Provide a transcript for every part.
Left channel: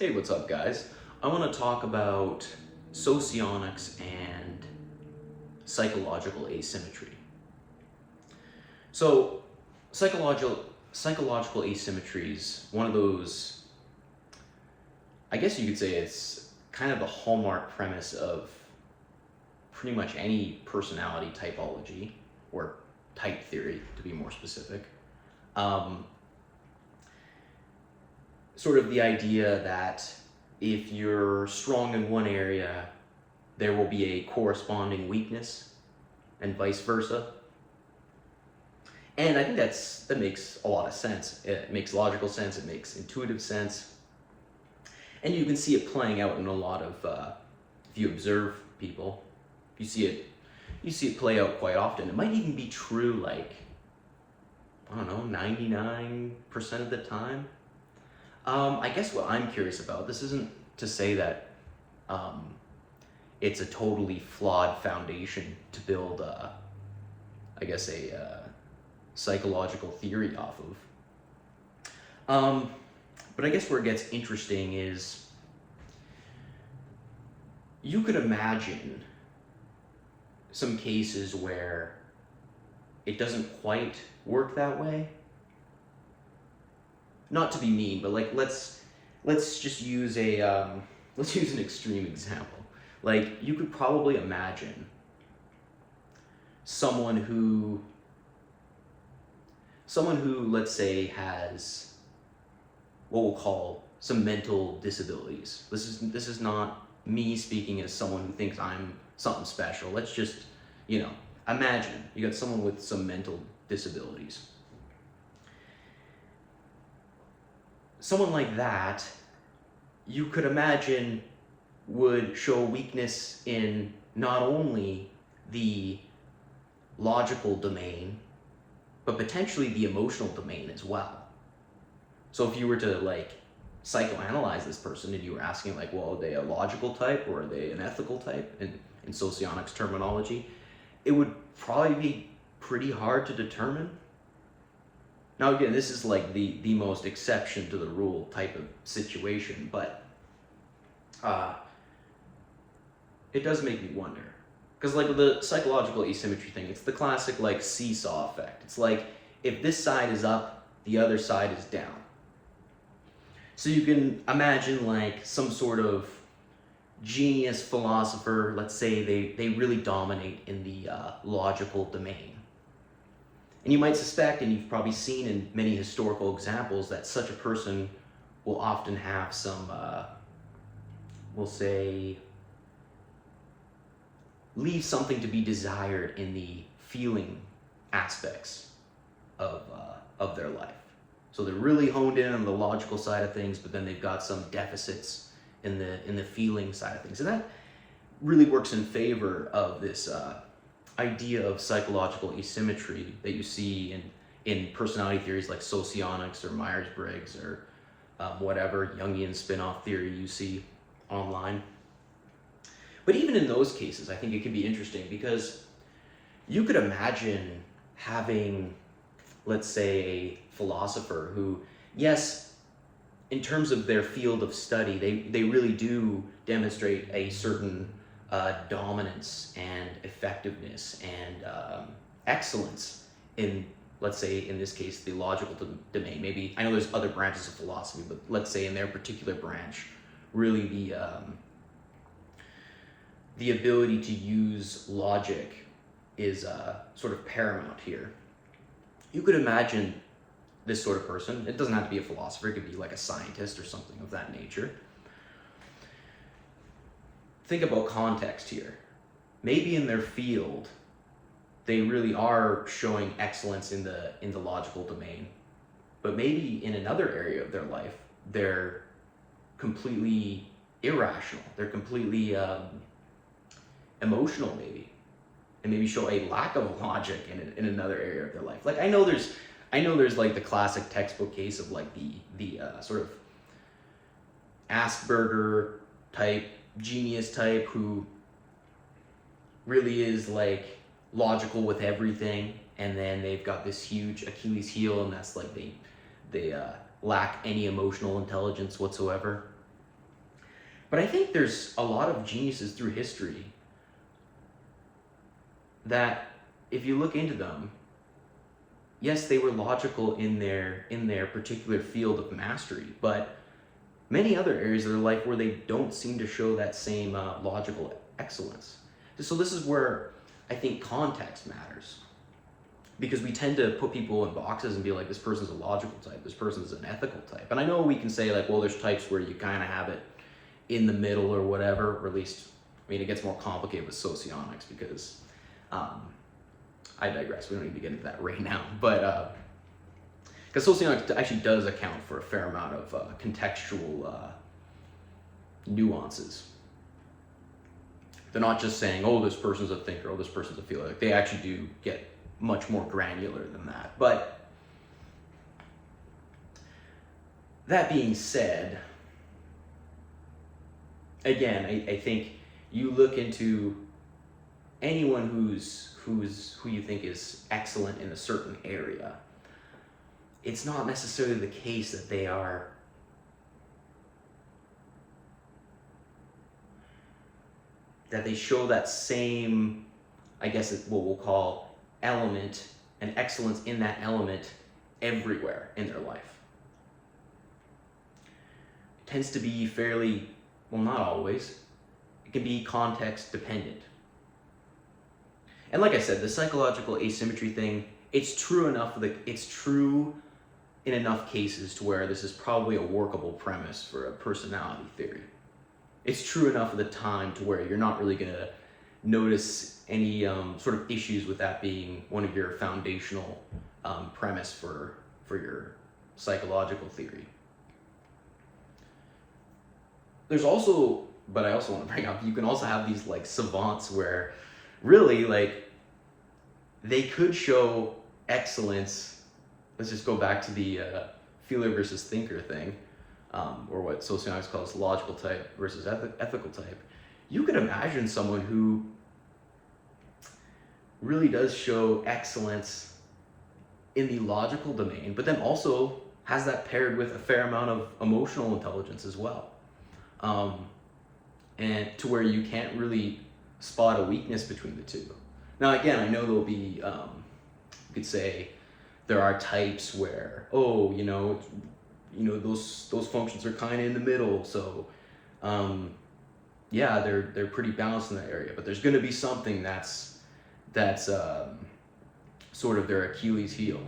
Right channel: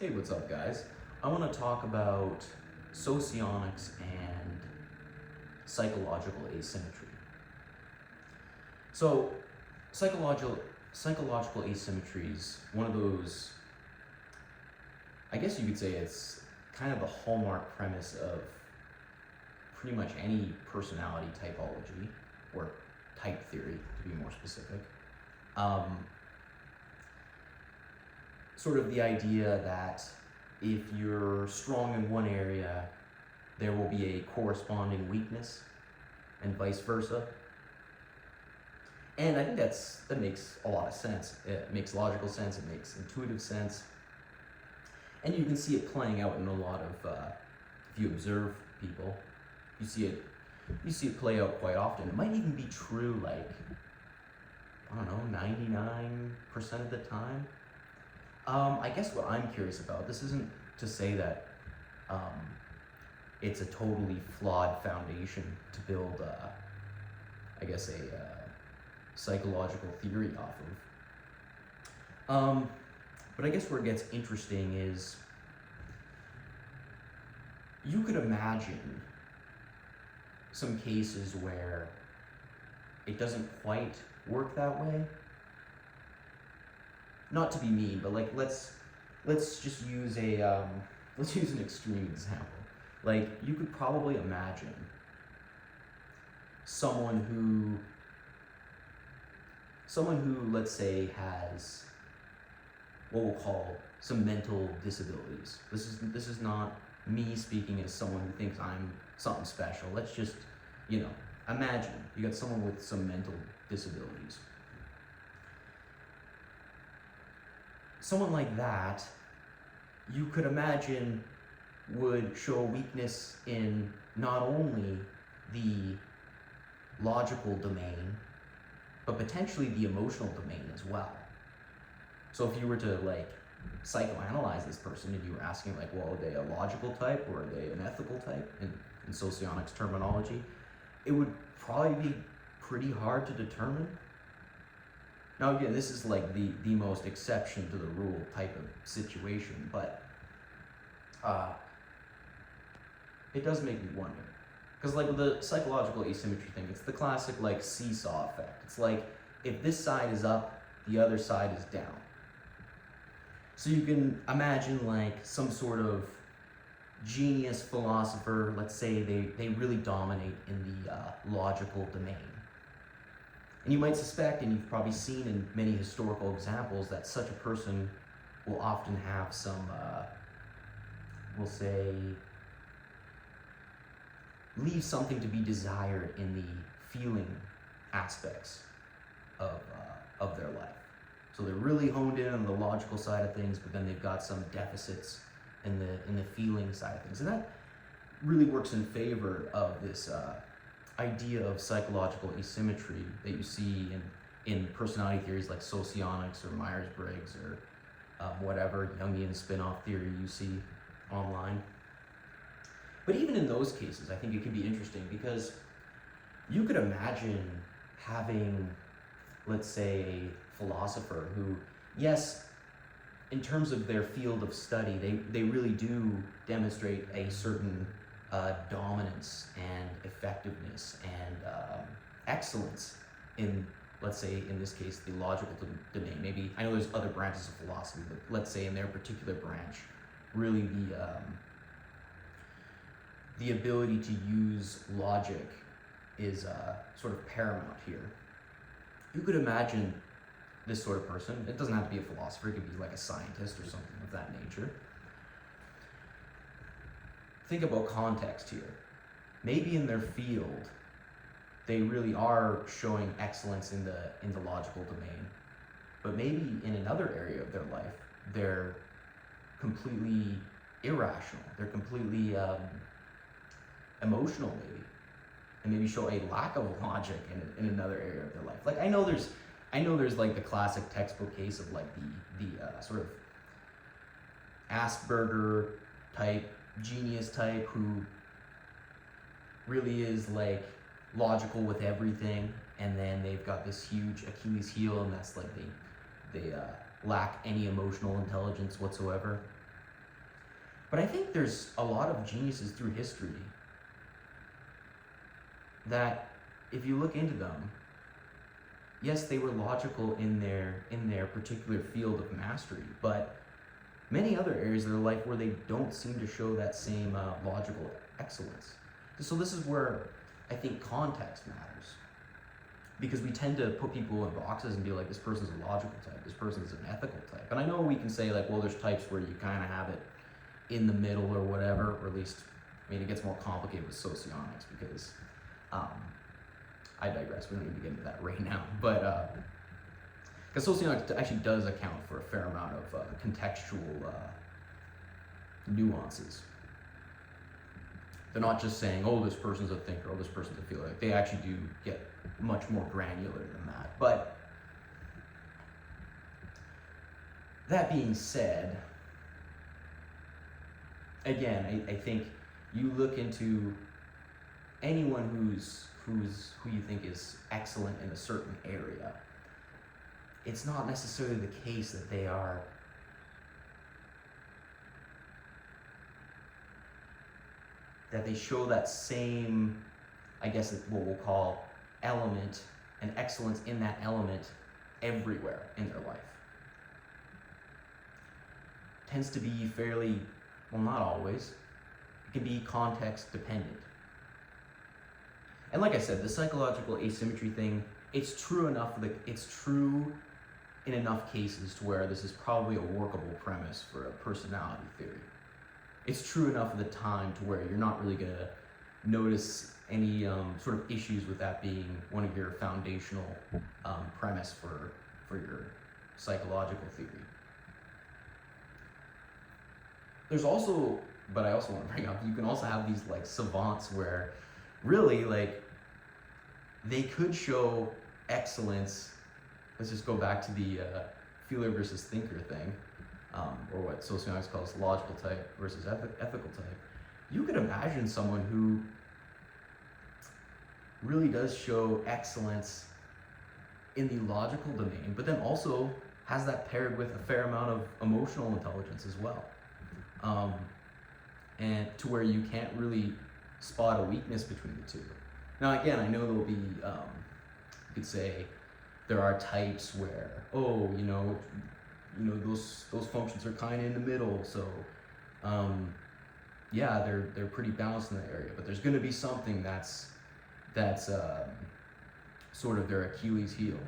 Hey, what's up, guys? I want to talk about socionics and psychological asymmetry. So, psychological asymmetry is one of those, I guess you could say it's kind of the hallmark premise of pretty much any personality typology, or type theory to be more specific. Um, Sort of the idea that if you're strong in one area, there will be a corresponding weakness, and vice versa. And I think that makes a lot of sense. It makes logical sense. It makes intuitive sense, and you can see it playing out in a lot of. If you observe people, you see it play out quite often. It might even be true, like, I don't know, 99% of the time. I guess what I'm curious about, this isn't to say that it's a totally flawed foundation to build, I guess, a psychological theory off of. But I guess where it gets interesting is you could imagine some cases where it doesn't quite work that way. Not to be mean, but like let's just use let's use an extreme example. Like, you could probably imagine someone who let's say has what we'll call some mental disabilities. This is not me speaking as someone who thinks I'm something special. Let's just, imagine you got someone with some mental disabilities. Someone like that, you could imagine, would show weakness in not only the logical domain, but potentially the emotional domain as well. So if you were to psychoanalyze this person and you were asking well, are they a logical type or are they an ethical type in socionics terminology, it would probably be pretty hard to determine. Now again, this is like the most exception to the rule type of situation, but it does make me wonder. Because with the psychological asymmetry thing, it's the classic seesaw effect. It's like, if this side is up, the other side is down. So you can imagine some sort of genius philosopher, let's say they really dominate in the logical domain. And you might suspect, and you've probably seen in many historical examples, that such a person will often have some, we'll say, leave something to be desired in the feeling aspects of their life. So they're really honed in on the logical side of things, but then they've got some deficits in the feeling side of things. And that really works in favor of this idea of psychological asymmetry that you see in personality theories like Socionics or Myers-Briggs or whatever Jungian spin-off theory you see online. But even in those cases, I think it can be interesting because you could imagine having, let's say, a philosopher who, yes, in terms of their field of study, they really do demonstrate a certain dominance and effectiveness and excellence in, let's say, in this case, the logical domain. Maybe, I know there's other branches of philosophy, but let's say in their particular branch, really the ability to use logic is sort of paramount here. You could imagine this sort of person. It doesn't have to be a philosopher. It could be like a scientist or something of that nature. Think about context here. Maybe in their field, they really are showing excellence in the logical domain, but maybe in another area of their life, they're completely irrational. They're completely emotional, maybe, and maybe show a lack of logic in another area of their life. I know there's the classic textbook case of the sort of Asperger type, genius type, who really is logical with everything, and then they've got this huge Achilles heel, and that's they lack any emotional intelligence whatsoever. But I think there's a lot of geniuses through history that, if you look into them, yes, they were logical in their particular field of mastery, but many other areas of their life where they don't seem to show that same logical excellence. So this is where I think context matters, because we tend to put people in boxes and be like, this person's a logical type, this person's an ethical type. And I know we can say like, well, there's types where you kind of have it in the middle or whatever, or at least, I mean, it gets more complicated with socionics because, I digress, we don't need to get into that right now, but, because socionics actually does account for a fair amount of contextual nuances. They're not just saying, oh, this person's a thinker, oh, this person's a feeler. Like, they actually do get much more granular than that. But that being said, again, I think you look into anyone who you think is excellent in a certain area, it's not necessarily the case that they are that they show that same, I guess it's what we'll call element and excellence in that element everywhere in their life. It tends to be fairly, well, not always, it can be context dependent. And like I said, the psychological asymmetry thing, it's true in enough cases to where this is probably a workable premise for a personality theory. It's true enough of the time to where you're not really going to notice any sort of issues with that being one of your foundational premise for your psychological theory. There's also, but I also want to bring up, you can also have these like savants where really like they could show excellence. Let's just go back to the feeler versus thinker thing, or what socionics calls logical type versus ethical type. You could imagine someone who really does show excellence in the logical domain, but then also has that paired with a fair amount of emotional intelligence as well. And to where you can't really spot a weakness between the two. Now again, I know there'll be, you could say, there are types where, oh, those functions are kind of in the middle, so yeah, they're pretty balanced in that area. But there's going to be something that's sort of their Achilles heel.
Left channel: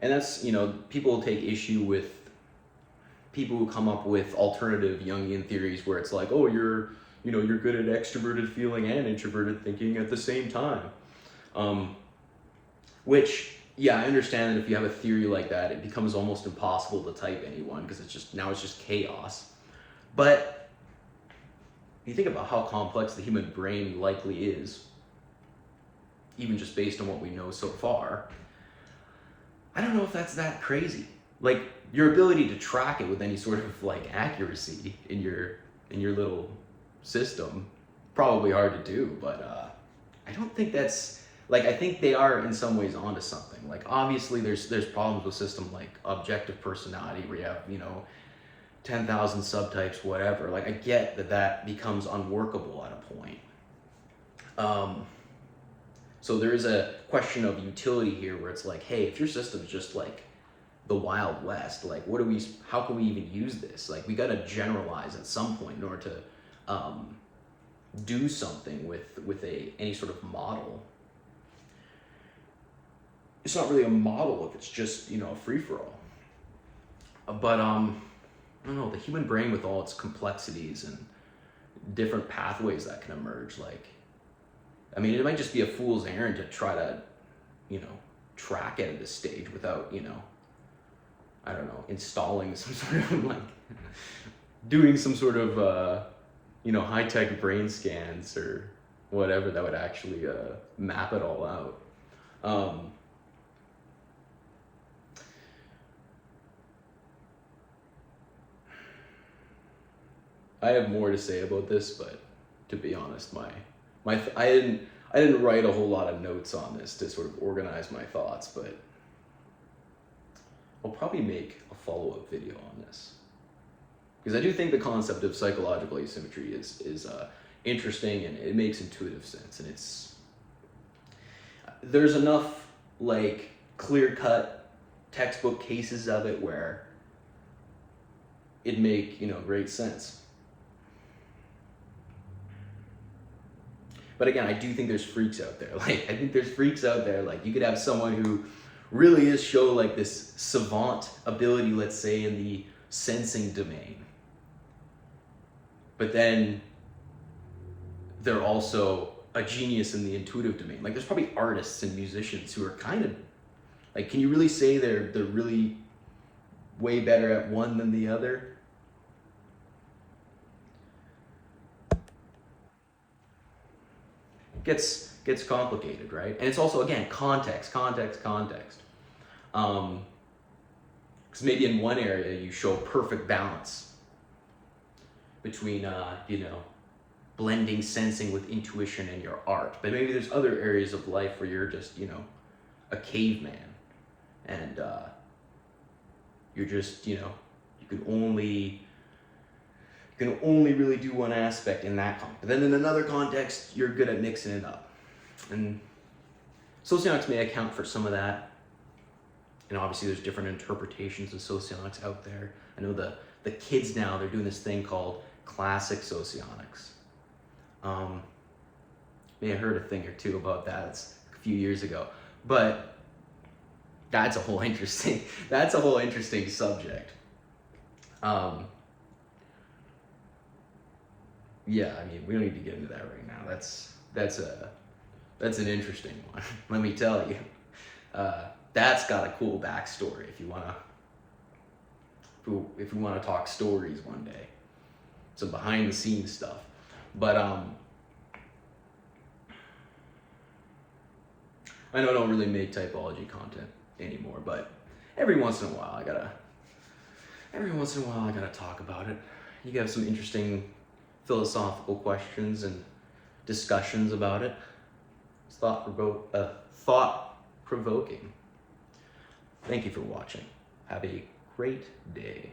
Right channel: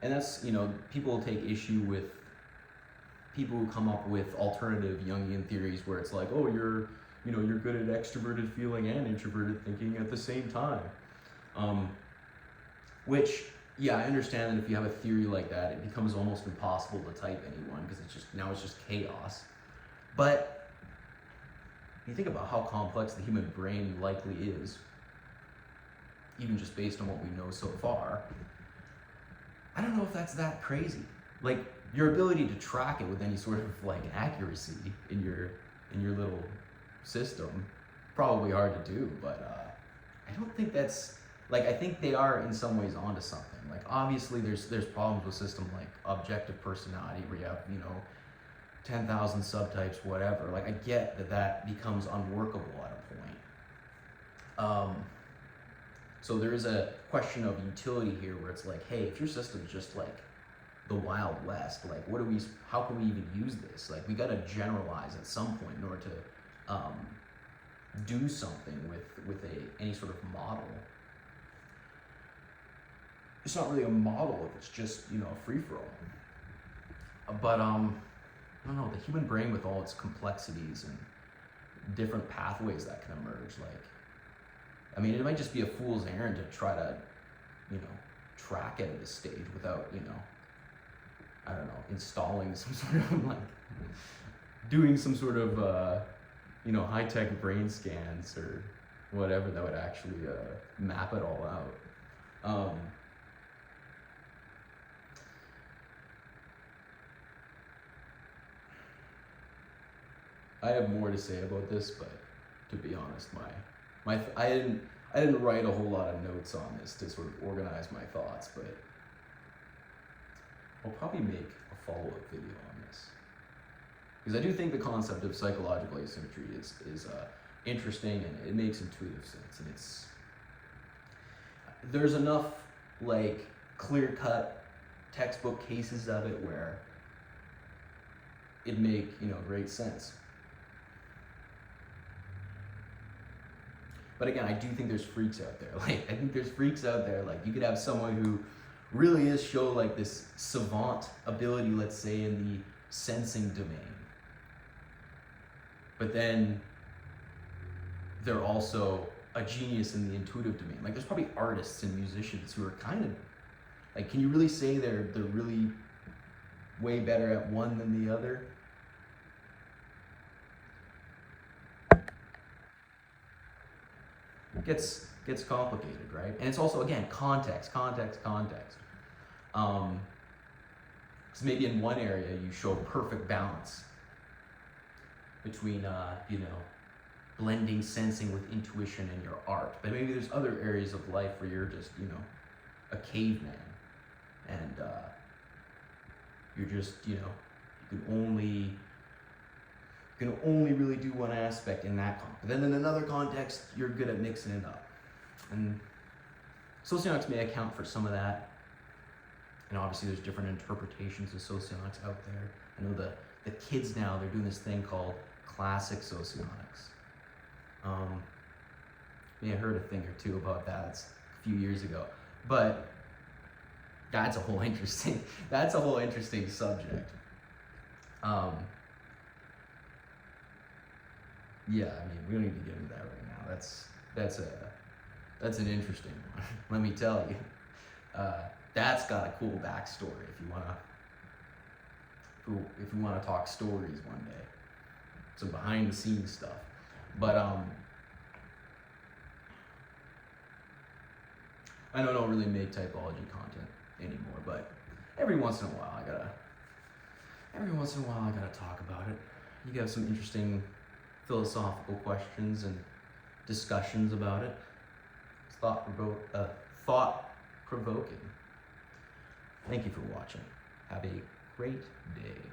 And that's, people take issue with people who come up with alternative Jungian theories where it's like, oh, you're good at extroverted feeling and introverted thinking at the same time. Which, yeah, I understand that if you have a theory like that, it becomes almost impossible to type anyone because it's just chaos. But you think about how complex the human brain likely is, even just based on what we know so far. I don't know if that's that crazy. Like, your ability to track it with any sort of like accuracy in your little system, probably hard to do, but I don't think that's, like, I think they are in some ways onto something. Like, obviously there's problems with system like objective personality where you have, 10,000 subtypes, whatever. Like, I get that becomes unworkable at a point. So there is a question of utility here where it's like, hey, if your system's just like the Wild West, like how can we even use this? Like, we got to generalize at some point in order to do something with any sort of model. It's not really a model if it's just, a free-for-all. But I don't know, the human brain with all its complexities and different pathways that can emerge, like, I mean, it might just be a fool's errand to try to, track it at this stage without, I don't know, installing some sort of like, doing some sort of, high-tech brain scans or whatever that would actually map it all out. I have more to say about this, but to be honest, my I didn't write a whole lot of notes on this to sort of organize my thoughts, but I'll probably make a follow-up video on this, because I do think the concept of psychological asymmetry is interesting, and it makes intuitive sense, and there's enough like clear-cut textbook cases of it where it'd make, you know, great sense. But again, I do think there's freaks out there. Like, I think there's freaks out there. Like, you could have someone who really is show like this savant ability, let's say, in the sensing domain. But then they're also a genius in the intuitive domain. Like, there's probably artists and musicians who are kind of, like, can you really say they're really way better at one than the other? Gets complicated, right? And it's also, again, context. Because maybe in one area you show perfect balance between, you know, blending sensing with intuition and your art. But maybe there's other areas of life where you're just, you know, a caveman, and you're just, you know, you can only really do one aspect in that context. But then in another context, you're good at mixing it up. And socionics may account for some of that. And obviously there's different interpretations of socionics out there. I know the kids now, they're doing this thing called classic socionics. May have heard a thing or two about that. It's a few years ago. But that's a whole interesting subject. Yeah, I mean, we don't need to get into that right now. That's an interesting one. Let me tell you. That's got a cool backstory if you wanna talk stories one day. Some behind the scenes stuff. But I know I don't really make typology content anymore, but every once in a while I gotta talk about it. You have some interesting philosophical questions and discussions about it. It's thought-provoking. Thank you for watching. Have a great day.